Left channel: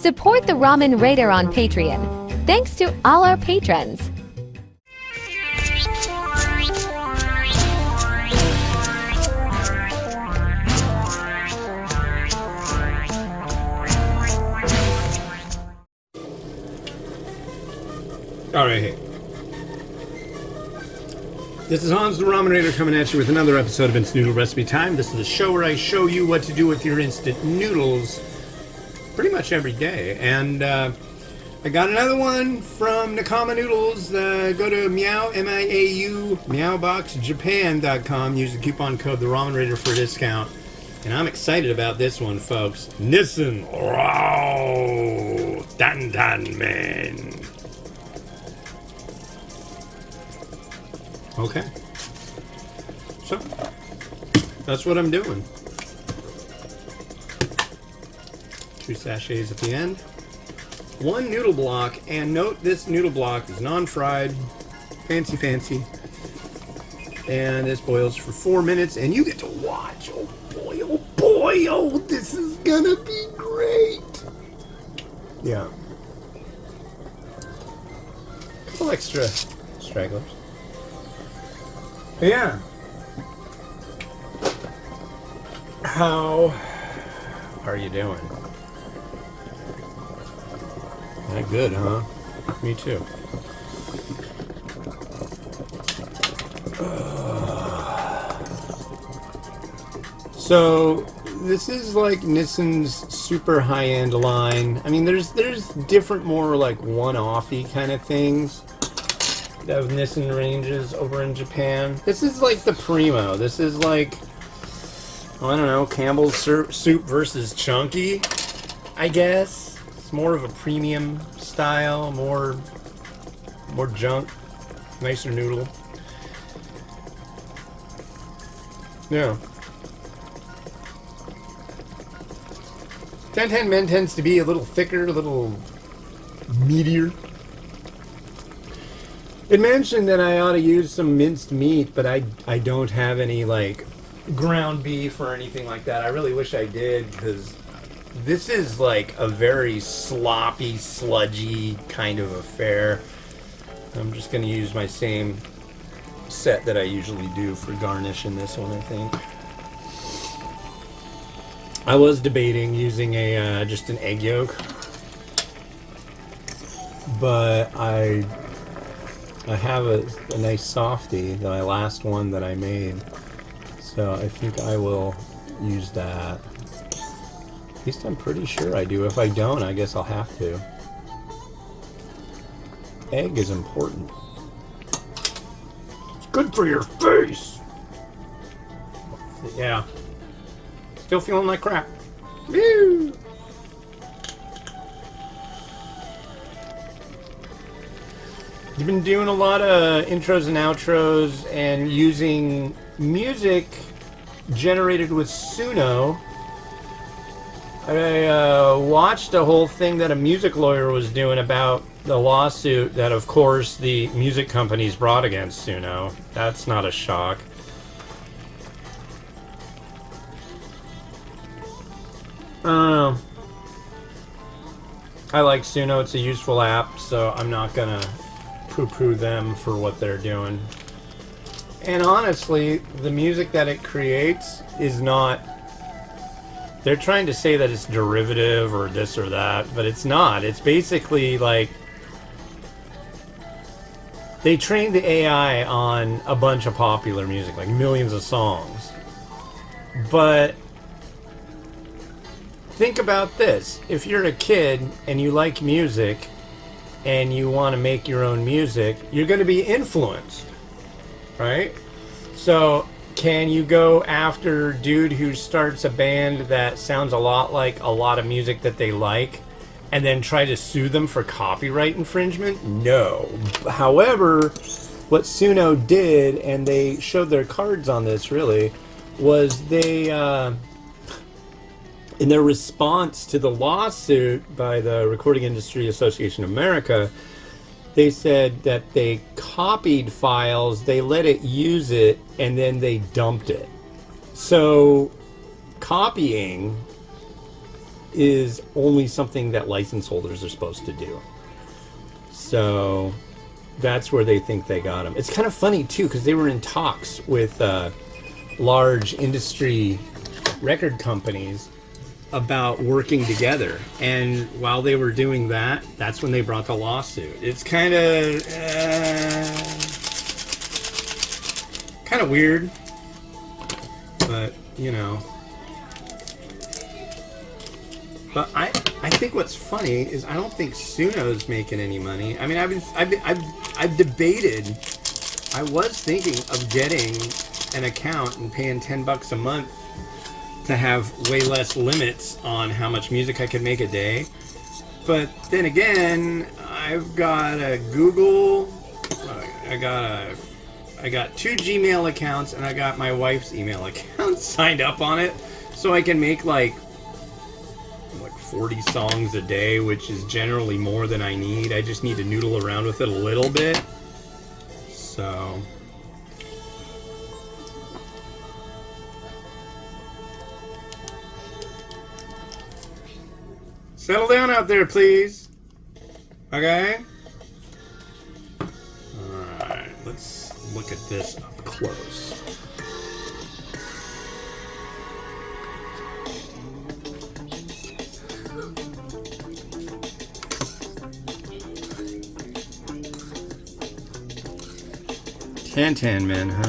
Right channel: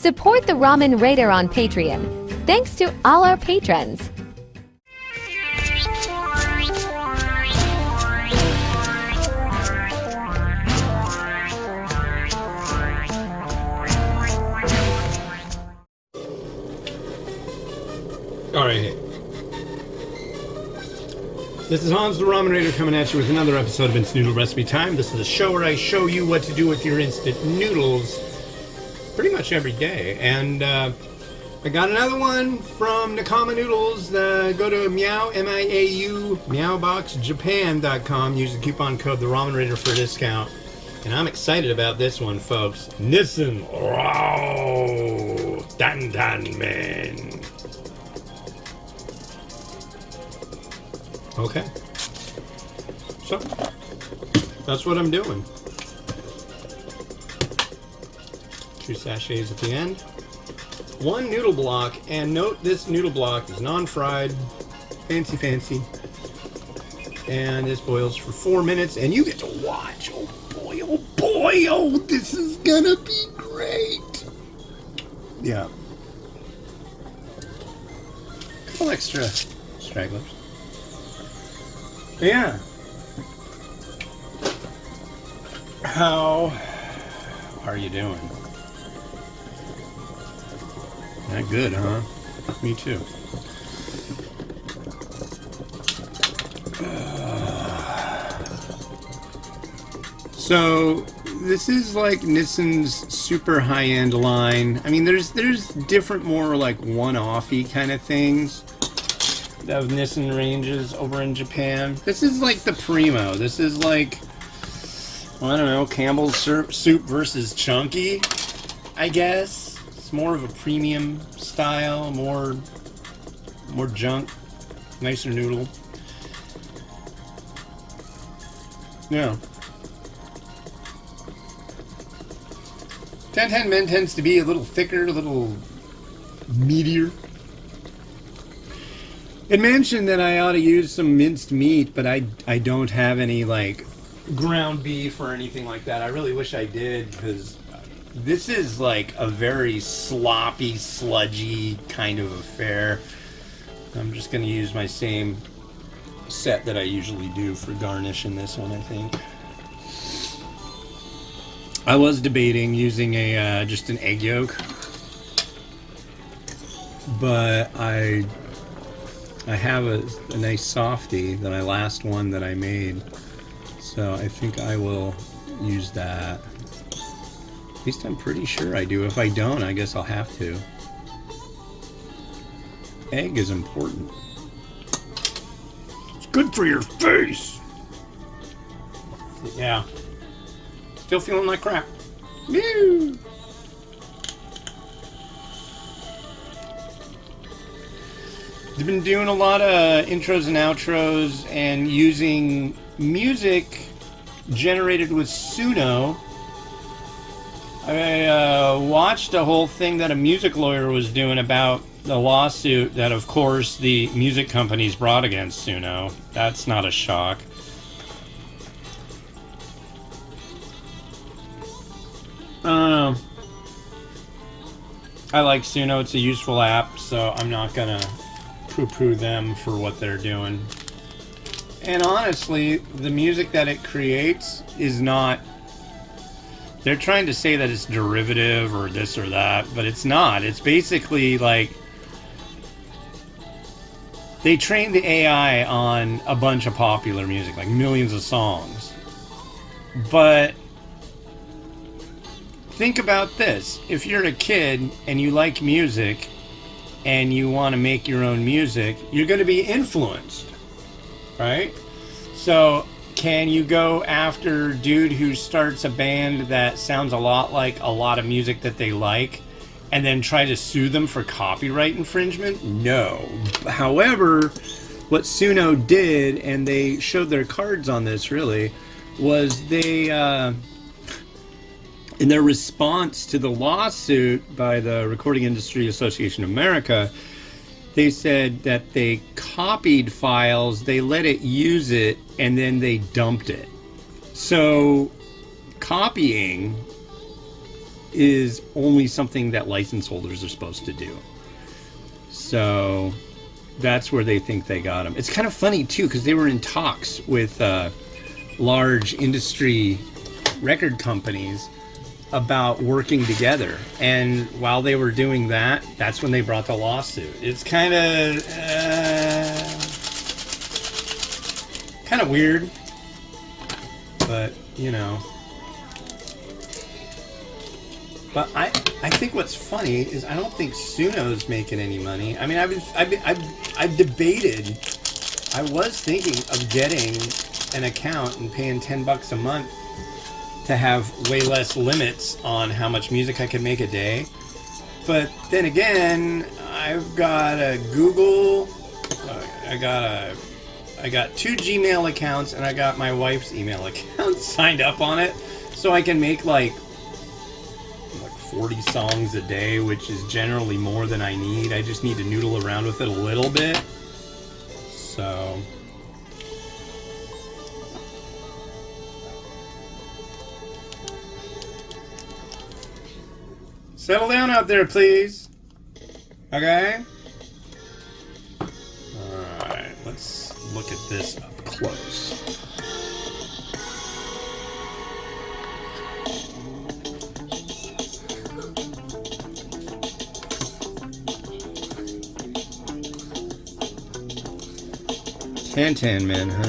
Support the Ramen Raider on Patreon. Thanks to all our patrons. Alright. This is Hans the Ramen Raider coming at you with another episode of Instant Noodle Recipe Time. This is a show where I show you what to do with your instant noodles pretty much every day. And I got another one from Nakama Noodles. Go to Meow, M-I-A-U, meowboxjapan.com. Use the coupon code The Ramen Raider for a discount. And I'm excited about this one, folks. Nissin Raoh Dandan-men. Okay, so that's what I'm doing. 2 sachets at the end. 1 noodle block, and note this noodle block is non-fried, fancy. And this boils for 4 minutes, and you get to watch. Oh boy, oh, this is gonna be great. Yeah. A couple extra stragglers. Yeah. How are you doing? Not good, huh? Me too. So this is like Nissin's super high-end line. I mean, there's different, more like one-offy kind of things of Nissin ranges over in Japan. This is like the Primo. This is like, I don't know, Campbell's soup versus Chunky, I guess. It's more of a premium style, more junk, nicer noodle. Yeah. Dandan-men tends to be a little thicker, a little meatier. It mentioned that I ought to use some minced meat, but I don't have any like ground beef or anything like that. I really wish I did, because this is like a very sloppy, sludgy kind of affair. I'm just going to use my same set that I usually do for garnish in this one, I think. I was debating using a just an egg yolk, but I have a nice softie, my last one that I made, so I think I will use that. At least I'm pretty sure I do. If I don't, I guess I'll have to. Egg is important. It's good for your face! Yeah. Still feeling like crap. Woo! I've been doing a lot of intros and outros and using music generated with Suno. I watched a whole thing that a music lawyer was doing about the lawsuit that, of course, the music companies brought against Suno. That's not a shock. I don't know. I like Suno. It's a useful app, so I'm not gonna poo-poo them for what they're doing. And honestly, the music that it creates is not... They're trying to say that it's derivative or this or that, but it's not. It's basically like... They trained the AI on a bunch of popular music, like millions of songs. But... think about this. If you're a kid and you like music and you want to make your own music, you're going to be influenced, right? So can you go after a dude who starts a band that sounds a lot like a lot of music that they like and then try to sue them for copyright infringement? No. However, what Suno did, and they showed their cards on this really, was they... in their response to the lawsuit by the Recording Industry Association of America, they said that they copied files, they let it use it, and then they dumped it. So copying is only something that license holders are supposed to do. So that's where they think they got them. It's kind of funny too, because they were in talks with large industry record companies about working together, and while they were doing that, that's when they brought the lawsuit. It's kind of weird, but you know. But I think what's funny is I don't think Suno's making any money. I mean, I've debated. I was thinking of getting an account and paying $10 a month to have way less limits on how much music I could make a day. But then again, I've got a Google, I got 2 Gmail accounts, and I got my wife's email account signed up on it, so I can make like 40 songs a day, which is generally more than I need. I just need to noodle around with it a little bit. So settle down out there, please. Okay? Alright, let's look at this up close. Tan Man, huh?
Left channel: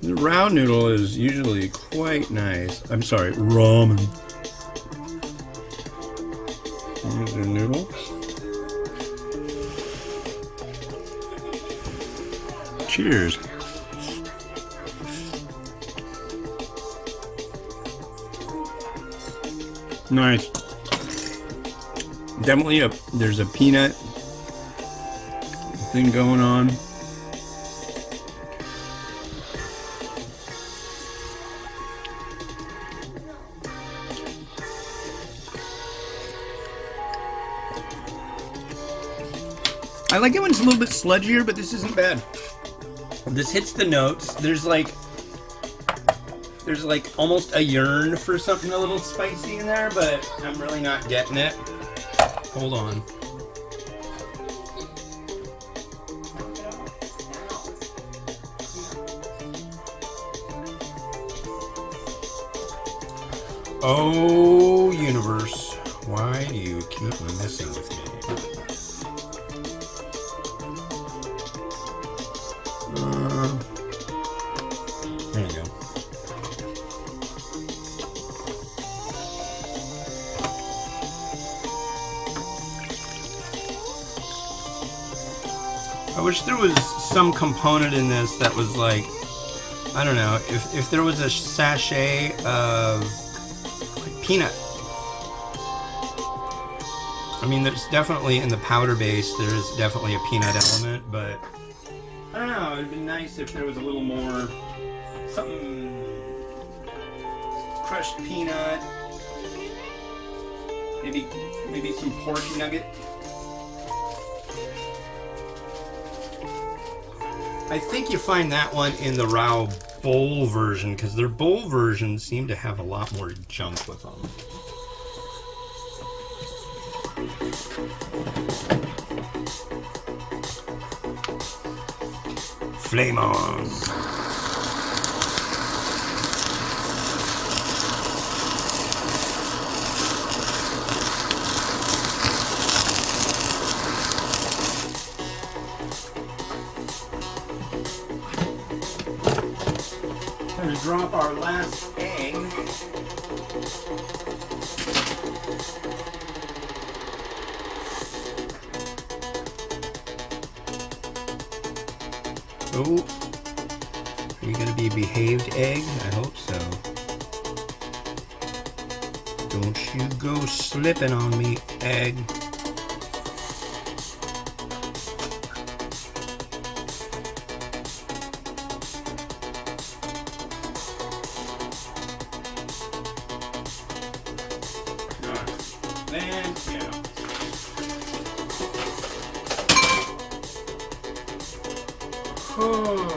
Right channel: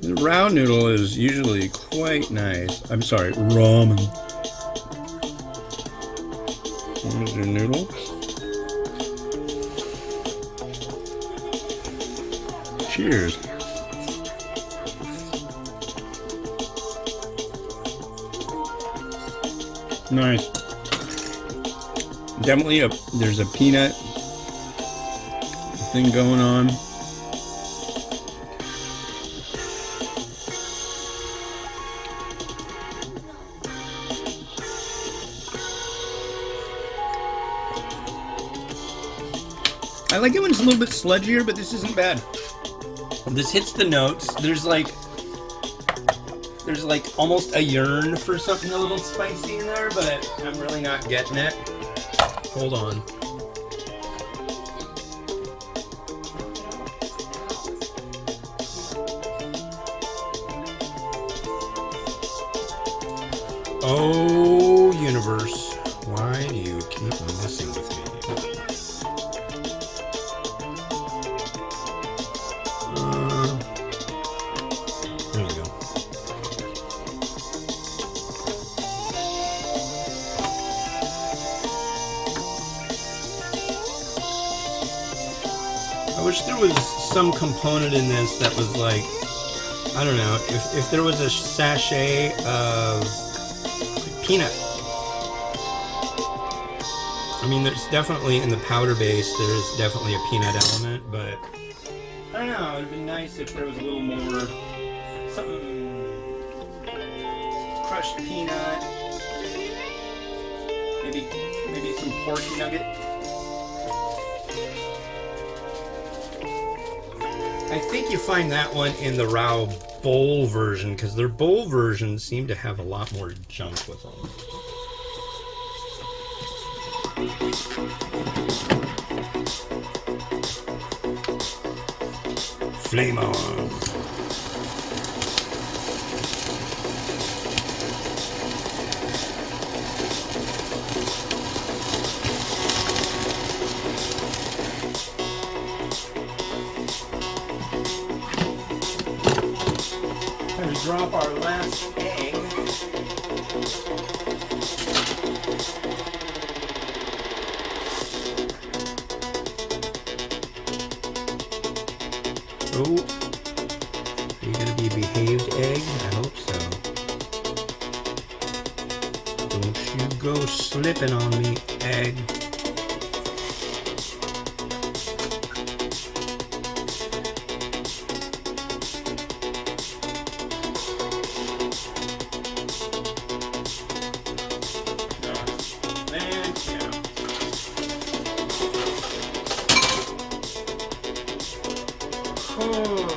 The Raoh noodle is usually quite nice. I'm sorry, ramen. Here's your noodle. Cheers. Nice. Definitely there's a peanut thing going on. I like it when it's a little bit sludgier, but this isn't bad. This hits the notes. There's like almost a yearn for something a little spicy in there, but I'm really not getting it. Hold on. Oh, universe, why do you keep messing with me? There you go. I wish there was some component in this that was like, I don't know, if there was a sachet of like peanut. I mean, there's definitely in the powder base, there's definitely a peanut element, but I don't know, it'd be nice if there was a little more, something, crushed peanut, maybe some pork nugget. I think you find that one in the Raoh bowl version, because their bowl versions seem to have a lot more junk with them. Flame on! Time to drop our last egg. Oh, are you going to be a behaved egg? I hope so. Don't you go slipping on me, egg. Thank you. Oh.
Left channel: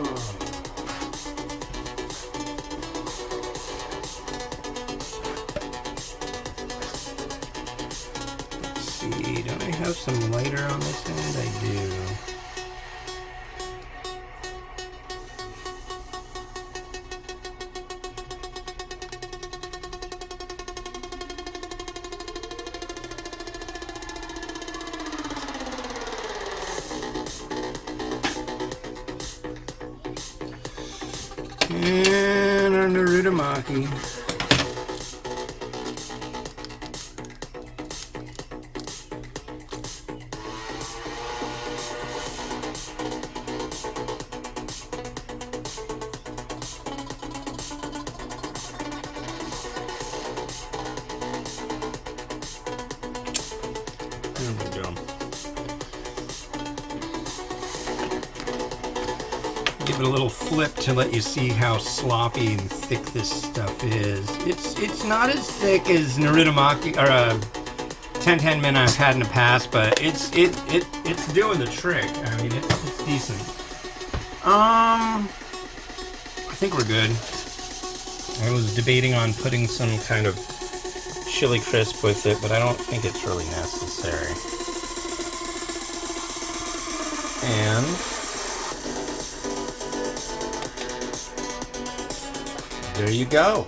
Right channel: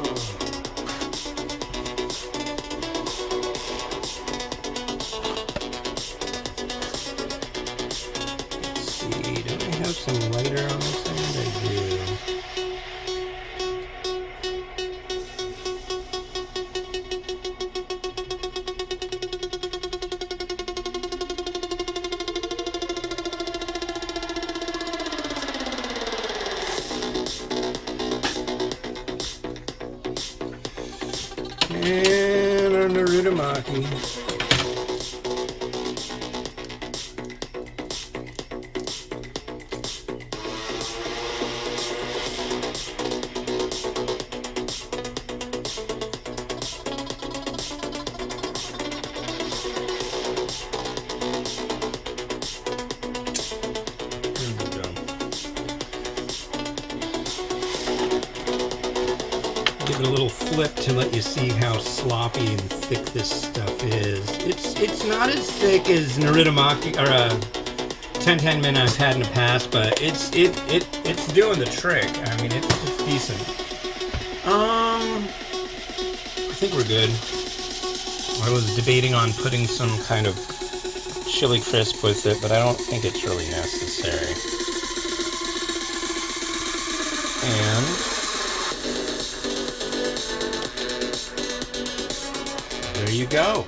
have some lighter on this end? I do. And our Naruto Maki. There we go. Give it a little flip to let you see how sloppy and thick this stuff is. It's not as thick as Naruto Maki or 10-10 I've had in the past, but it's doing the trick. I mean, it's decent. I think we're good. I was debating on putting some kind of chili crisp with it, but I don't think it's really necessary. And there you go.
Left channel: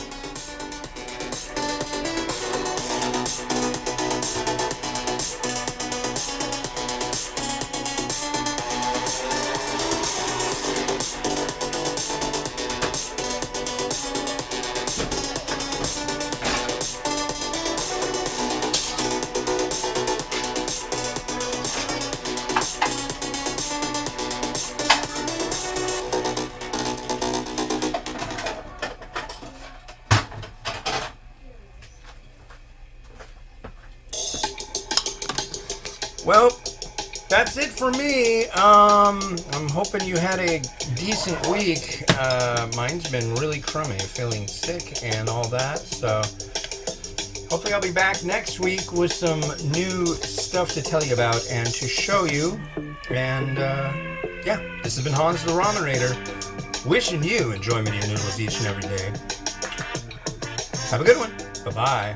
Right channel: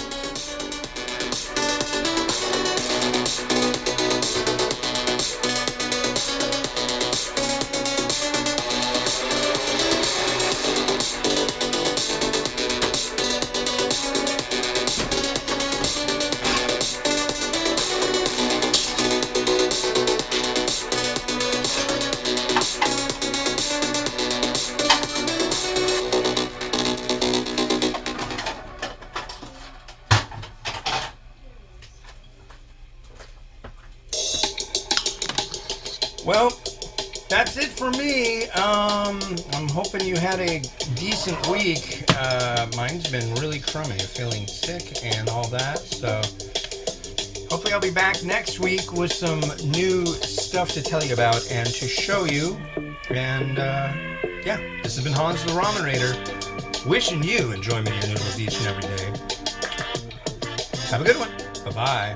Well, that's it for me. I'm hoping you had a decent week. Mine's been really crummy, feeling sick and all that. So hopefully I'll be back next week with some new stuff to tell you about and to show you. And yeah, this has been Hans the Ramen Raider, wishing you enjoyment of your noodles each and every day. Have a good one. Bye-bye.